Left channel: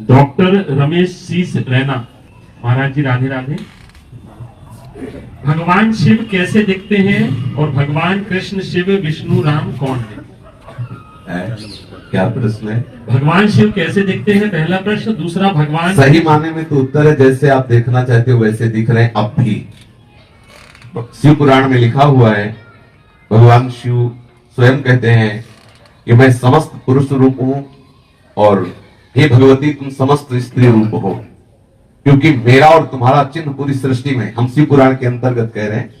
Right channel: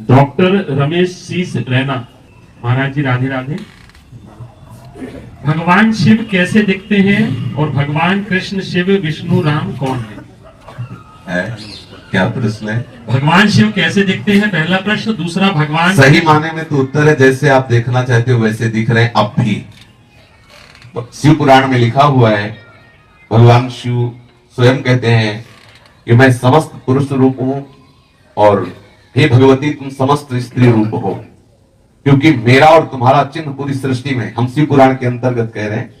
Doctor Ramesh शीस रैना। महाराज जी राधे राधे। भगवान शिव कैसे दिखते हैं और भगवान कृष्ण शिव विष्णु राम कौन है? क्या प्रश्न है? भगवान शिव कैसे दिखते हैं पहला प्रश्न। दूसरा, भगवान सही माने में तो उत्तर है जैसे आप देखना चाहते हो वैसे दिख रहे हैं अब भी। शिव पुराण में लिखा हुआ है, भगवान शिव स्वयं कहते हैं कि मैं समस्त पुरुष रूप हूं और हे भगवती तुम समस्त स्त्री रूप हो, क्योंकि मेरा और तुम्हारा चिन्ह पूरी सृष्टि में, हम शिव पुराण के अंतर्गत कह रहे हैं,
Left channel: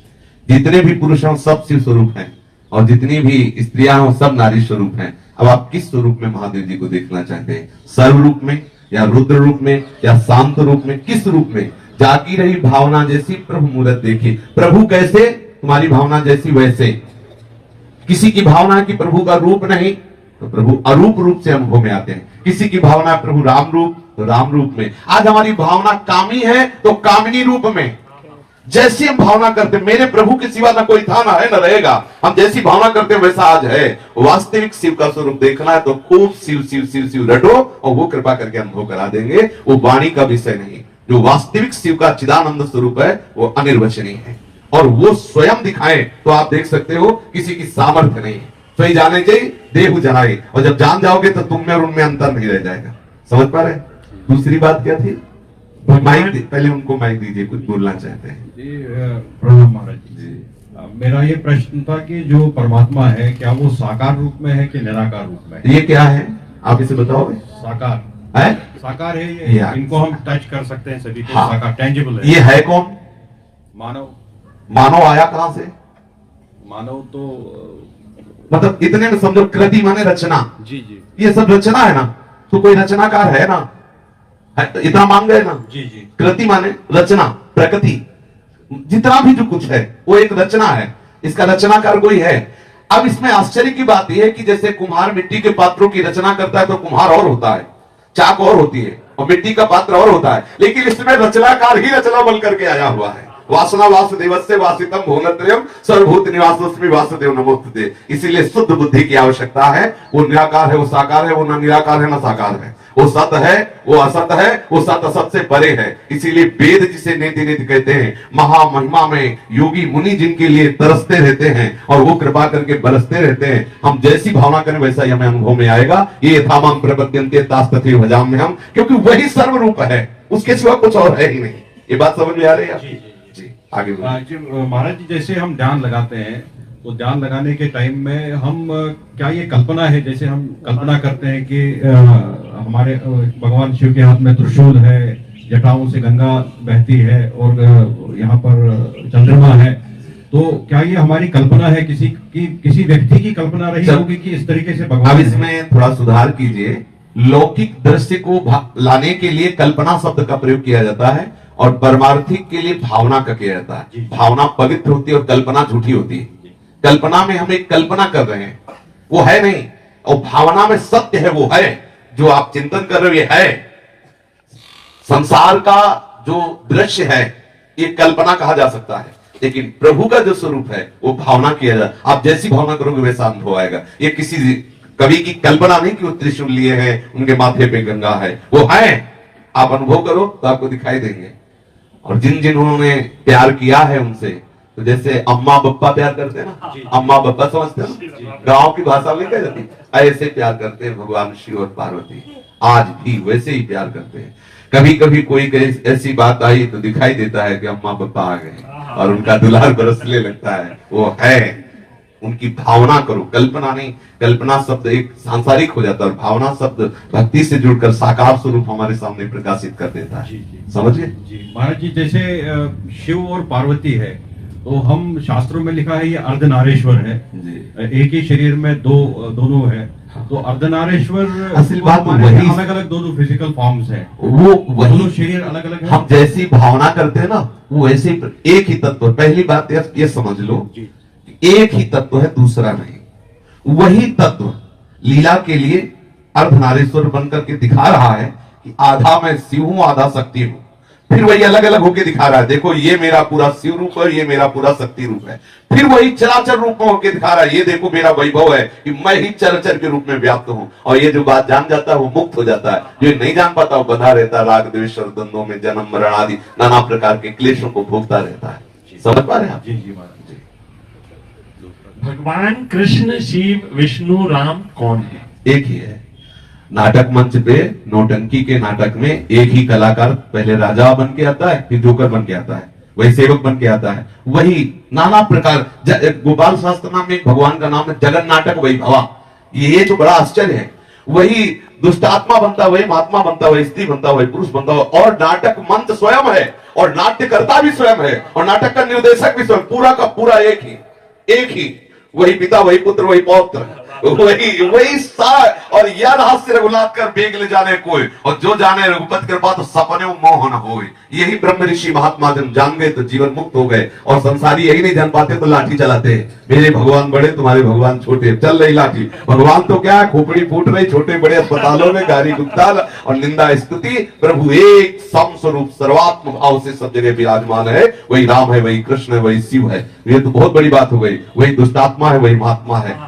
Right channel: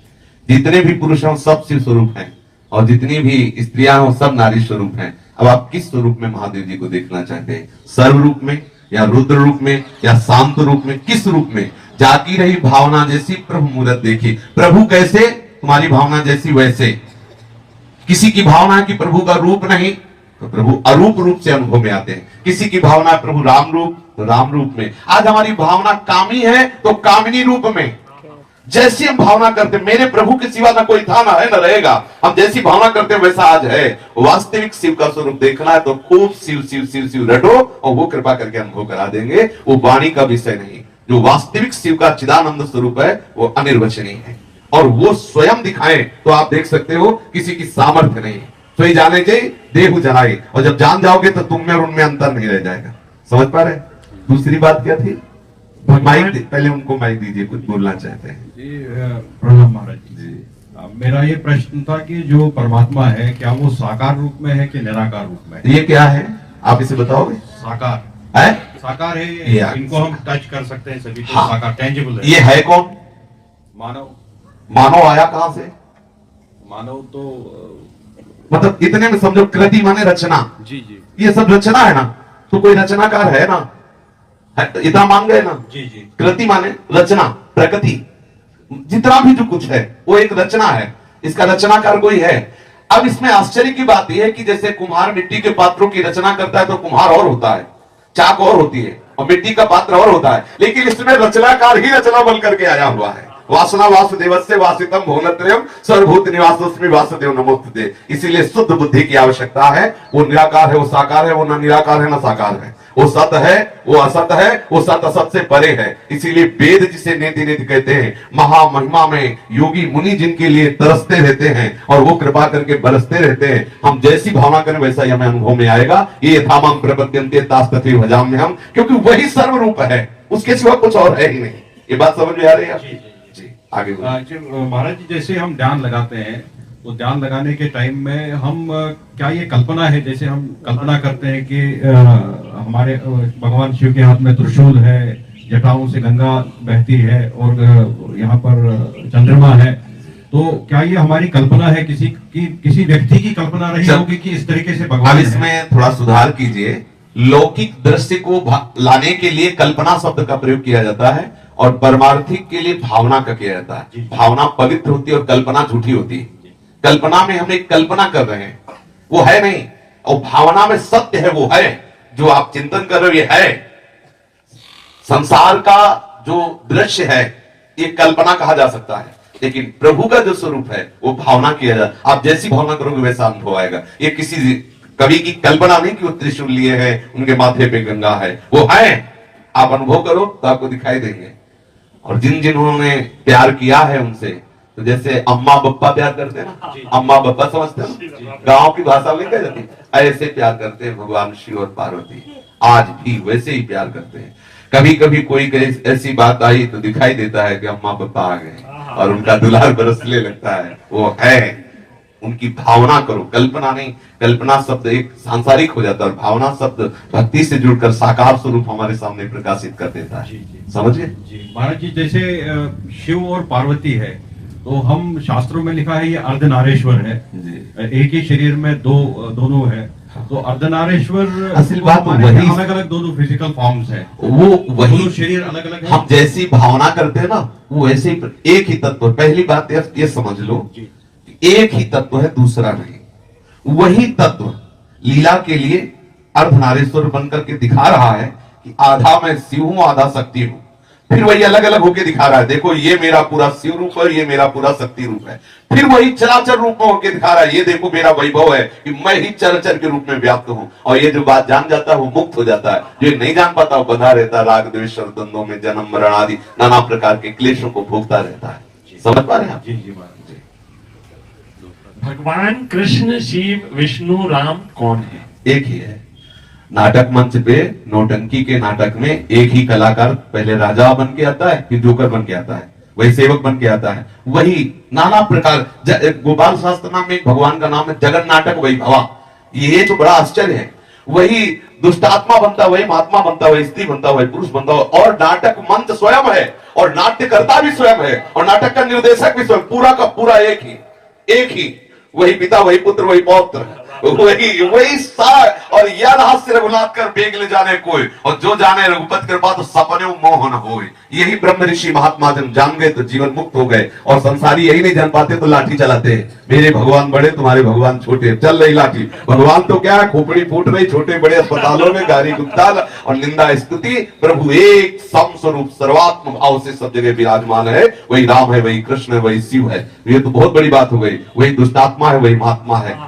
जितने भी पुरुष हैं सब शिव स्वरूप हैं और जितनी भी स्त्रियां हो सब नारी स्वरूप हैं। अब आप किस स्वरूप में महादेव जी को देखना चाहते हैं? सर्व रूप में या रुद्र रूप में या शांत रूप में? किस रूप में? जाती रही भावना जैसी प्रभु मूरत देखी। प्रभु कैसे? तुम्हारी भावना जैसी वैसे। किसी की भावना है कि प्रभु का रूप नहीं तो प्रभु अरूप रूप से अनुभव में आते हैं। किसी की भावना है प्रभु राम रूप तो राम रूप में। आज हमारी भावना कामी है तो कामिनी रूप में। जैसी हम भावना करते हैं, मेरे प्रभु के सिवा ना कोई था ना है ना रहेगा, हम जैसी भावना करते हैं वैसा आज है। वास्तविक शिव का स्वरूप देखना है तो खूब शिव शिव शिव शिव रटो और वो कृपा करके अनुभव करा देंगे। वो वाणी का विषय नहीं, जो वास्तविक शिव का चिदानंद स्वरूप है वो अनिर्वचनीय है और वो स्वयं दिखाए तो आप देख सकते हो किसी की सामर्थ्य नहीं। तो ही जाने के देहु जनाए, और जब जान जाओगे तो तुम में और उनमें अंतर नहीं रह जाएगा। समझ पा रहे? दूसरी बात क्या थी? माइक पहले उनको माइक दीजिए, कुछ बोलना चाहते हैं जी। प्रणाम महाराज जी। मेरा ये प्रश्न था कि जो परमात्मा है क्या वो साकार रूप में है कि निराकार रूप में? ये क्या है आप इसे बताओगे? साकार है? साकार है ये, इनको हम टच कर सकते हैं सभी, तो हाँ। साकार टेंजिबल है। ये है कौन? मानव। मानव आया कहां से? मानव तो मतलब इतने में समझो, कृति माने रचना। जी जी ये सब रचना है ना, तो कोई रचनाकार है ना, इतना मान गए ना। जी जी। कृति माने रचना, प्रकृति, जितना भी जो कुछ है वो एक रचना है, इसका रचनाकार कोई है। अब इसमें आश्चर्य की बात यह है कि जैसे कुम्हार मिट्टी के पात्रों की रचना करता है तो कुम्हार और होता है, चाक और होती है और मिट्टी का पात्र और होता है, लेकिन इसमें रचनाकार ही रचना बन करके आया हुआ है। वासना वासुदेवस्य वासितम भुवनत्रयम् सर्वभूत निवासोऽस्मि वासुदेव नमोस्तुते। इसीलिए शुद्ध बुद्धि की आवश्यकता है। वो निराकार है, वो साकार है, वो न निराकार है न साकार है, वो सत है, वो असत है, वो सत असत से परे है। इसीलिए वेद जिसे नेति नेति कहते हैं, महामहिमा में योगी मुनि जिनके लिए तरसते रहते हैं और वो कृपा करके बरसते रहते हैं। हम जैसी भावना करें वैसा ही हमें अनुभव में आएगा। ये यथामाम प्रपद्यन्ते तास्तथे भजाम्य हम, क्योंकि वही सर्वरूप है, उसके सिवा कुछ और है ही नहीं। ये बात समझ में आ रही है? आगे महाराज जी, जैसे हम ध्यान लगाते हैं तो ध्यान लगाने के टाइम में हम क्या ये कल्पना है, जैसे हम कल्पना करते हैं कि हमारे भगवान शिव के हाथ में त्रिशूल है, जटाओं से गंगा बहती है और यहाँ पर चंद्रमा है, तो क्या ये हमारी कल्पना है, किसी व्यक्ति की कल्पना रही होगी कि इस तरीके से भगवान? अब इसमें थोड़ा सुधार कीजिए। लौकिक दृश्य को लाने के लिए कल्पना शब्द का प्रयोग किया जाता है और परमार्थिक के लिए भावना का किया जाता है। भावना पवित्र होती है और कल्पना झूठी होती है। कल्पना में हम एक कल्पना कर रहे हैं, वो है नहीं, और भावना में सत्य है, वो है जो आप चिंतन कर रहे हो, ये है। संसार का जो दृश्य है ये कल्पना कहा जा सकता है, लेकिन प्रभु का जो स्वरूप है वो भावना किया जाता। आप जैसी भावना करोगे वैसा अनुभव आएगा। ये किसी कवि की कल्पना नहीं कि वो त्रिशूल लिए हैं, उनके माथे पे गंगा है, वो है। आप अनुभव करो तो आपको दिखाई देंगे। और जिन्होंने प्यार किया है उनसे, तो जैसे अम्मा बप्पा प्यार करते हैं ना, अम्मा बप्पा समझते हैं, गांव की भाषा में कह जाती, ऐसे प्यार करते हैं भगवान शिव और पार्वती। आज भी वैसे ही प्यार करते हैं। कभी कभी कोई ऐसी बात आई तो दिखाई देता है कि अम्मा बप्पा आ गए और उनका दुलार बरसने लगता है, वो है। उनकी भावना करो, कल्पना नहीं। कल्पना शब्द एक सांसारिक हो जाता है और भावना शब्द भक्ति से जुड़कर साकार स्वरूप हमारे सामने प्रकाशित कर देता है। समझिए जी। महाराज जी, जैसे शिव और पार्वती है तो हम शास्त्रों में लिखा है ये अर्धनारेश्वर है, एक ही शरीर में दोनों है, तो अर्धनारेश्वर असल बात वही, अलग अलग दोनों फिजिकल फॉर्म्स है, वो वही शरीर अलग अलग है। हम जैसी भावना करते हैं ना वो ऐसे एक ही तत्व। पहली बात ये समझ लो, एक ही तत्व है, दूसरा नहीं। वही तत्व लीला के लिए अर्धनारीश्वर बनकर के दिखा रहा है कि आधा मैं शिव हूं, आधा शक्ति हूं। फिर वही अलग अलग होके दिखा रहा है, देखो ये मेरा पूरा शिव रूप है, ये मेरा पूरा शक्ति रूप है। फिर वही चराचर रूप में होके दिखा रहा है, ये देखो मेरा वैभव है कि मैं ही चराचर के रूप में व्याप्त हूं। और ये जो बात जान जाता है वो मुक्त हो जाता है, जो नहीं जान पाता वो बंधा रहता है, राग द्वेष और द्वंद्वों में जन्म मरण आदि नाना प्रकार के क्लेशों को भोगता रहता है। समझ पा रहे हैं आप? जी जी महाराज जी। भगवान कृष्ण शिव विष्णु राम कौन है? एक ही है। नाटक मंच पे नौटंकी के नाटक में एक ही कलाकार पहले राजा बन के आता है, फिर जोकर बन के आता है, वही सेवक बन के आता है, वही नाना प्रकार। गोपाल शास्त्र नाम में भगवान का नाम है जगन नाटक वही भवा। ये तो बड़ा आश्चर्य है, वही दुष्टात्मा बनता, वही महात्मा बनता, वही स्त्री बनता, वही पुरुष बनता, और नाटक मंच स्वयं है, और नाट्यकर्ता भी स्वयं है, और नाटक का निर्देशक भी स्वयं, पूरा का पूरा एक ही वही पिता, वही पुत्र, वही पौत्र, वही सार। और यह रहस्य रघुनाथ कर बेग ले जाने कोई, और जो जाने रघुपति कृपा तो सपने मोह न होए। यही ब्रह्म ऋषि महात्मा जन जान गए तो जीवन मुक्त हो गए, और संसारी यही नहीं जान पाते तो लाठी चलाते, मेरे भगवान बड़े तुम्हारे भगवान छोटे, चल रही लाठी। भगवान तो क्या, खोपड़ी फूट रही, छोटे बड़े अस्पतालों में गारी गुप्ताल और निंदा स्तुति। प्रभु एक सम स्वरूप सर्वात्म भाव से सब जगह विराजमान है, वही राम है, वही कृष्ण है, वही शिव है। ये तो बहुत बड़ी बात हो गई, वही दुष्टात्मा है, वही महात्मा है।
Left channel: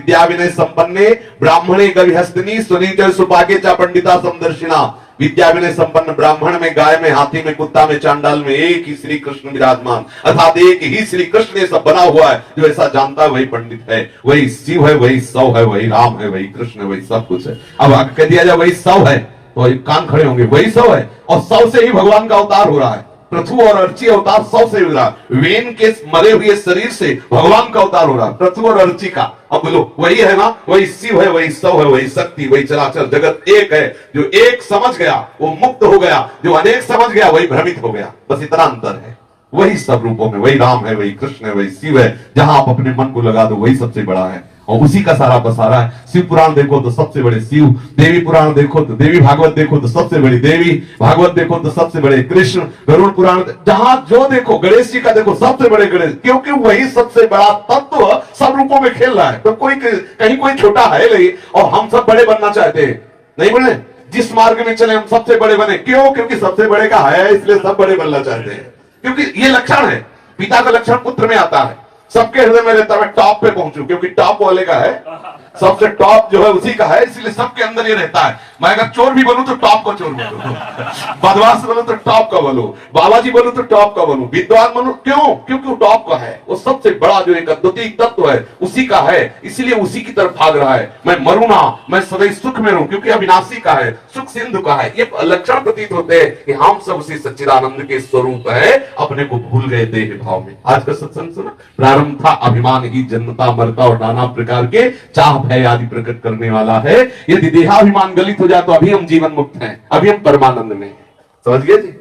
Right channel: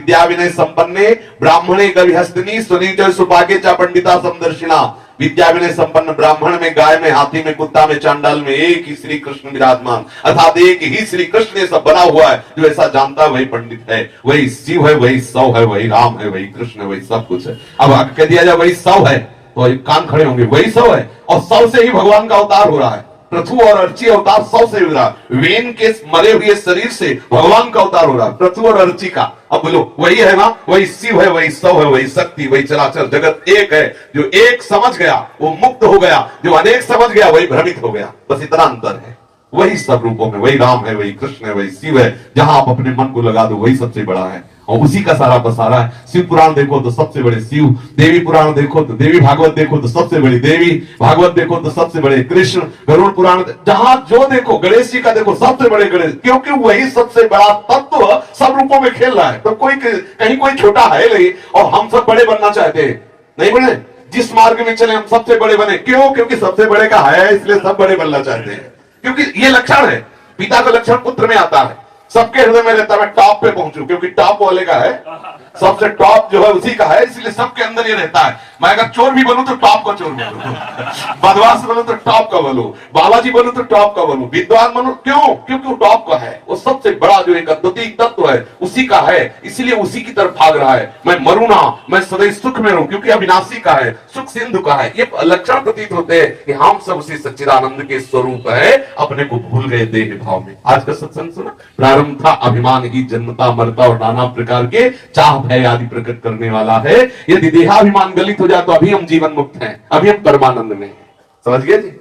विद्या विनय संपन्ने ब्राह्मणे गविहस्तिनी स्वनिजय सुभागे च पंडिता समदर्शिना। विद्या विनय संपन्न ब्राह्मण में, गाय में, हाथी में, कुत्ता में, चांडाल में एक ही श्री कृष्ण विराजमान, अर्थात एक ही श्री कृष्ण ये सब बना हुआ है। जो ऐसा जानता है वही पंडित है, वही शिव है, वही सौ है, वही राम है, वही कृष्ण है, वही सब कुछ है। अब कह दिया जाए वही सौ है तो कान खड़े होंगे, वही सौ है, और सौ से ही भगवान का अवतार हो रहा है। पृथु और अर्ची अवतार सौ से हो रहा है, वेन के मरे हुए शरीर से भगवान का अवतार हो रहा है, पृथु और अर्ची का। अब बोलो वही है ना, वही शिव है, वही सौ है, वही शक्ति, वही चराचर जगत एक है। जो एक समझ गया वो मुक्त हो गया, जो अनेक समझ गया वही भ्रमित हो गया, बस इतना अंतर है। वही सब रूपों में, वही राम है, वही कृष्ण है, वही शिव है। जहां आप अपने मन को लगा दो वही सबसे बड़ा है, और उसी का सारा बसारा है। शिव पुराण देखो तो सबसे बड़े शिव, देवी पुराण देखो तो देवी, भागवत देखो तो सबसे बड़ी देवी, भागवत देखो तो सबसे बड़े कृष्ण, गरुड़ पुराण जहां जो देखो, गणेश जी का देखो सबसे बड़े गणेश, क्योंकि वही सबसे बड़ा तत्व सब रूपों में खेल रहा है। तो कोई कहीं कोई छोटा है नहीं, और हम सब बड़े बनना चाहते हैं, नहीं बने। जिस मार्ग में चले हम सबसे बड़े बने, क्यों? क्योंकि सबसे बड़े का है, इसलिए सब बड़े बनना चाहते हैं। क्योंकि ये लक्षण है, पिता का लक्षण पुत्र में आता है। सबके हृदय में रहता है मैं टॉप पे पहुंचू, क्योंकि टॉप वाले का है, सबसे टॉप जो है उसी का है, इसलिए सबके अंदर ये रहता है। मैं अगर चोर भी बनूं तो टॉप का चोर बनूं, बदमाश बनूं तो टॉप का बनूं, बालाजी बनूं तो टॉप का बनूं, विद्वान बनूं, क्यों? क्योंकि वो टॉप का है, वो सबसे बड़ा जो एक अद्वितीय तत्व है उसी का है, इसलिए उसी की तरफ भाग रहा है। मैं मरूं ना, मैं सदैव सुख में रहूं, क्योंकि अविनाशी का है, सुख सिंधु का है। ये लक्षण प्रतीत होते हैं कि हम सब उसी सच्चिदानंद के स्वरूप है, अपने को भूल गए देह भाव में। आज का सत्संग सुना, प्रारंभ था अभिमान ही जन्मता मरता और नाना प्रकार के चाह भय आदि प्रकट करने वाला है। यदि देहाभिमान गलित हो जाए तो अभी हम जीवन मुक्त हैं, अभी हम परमानंद में हैं। समझ गए जी?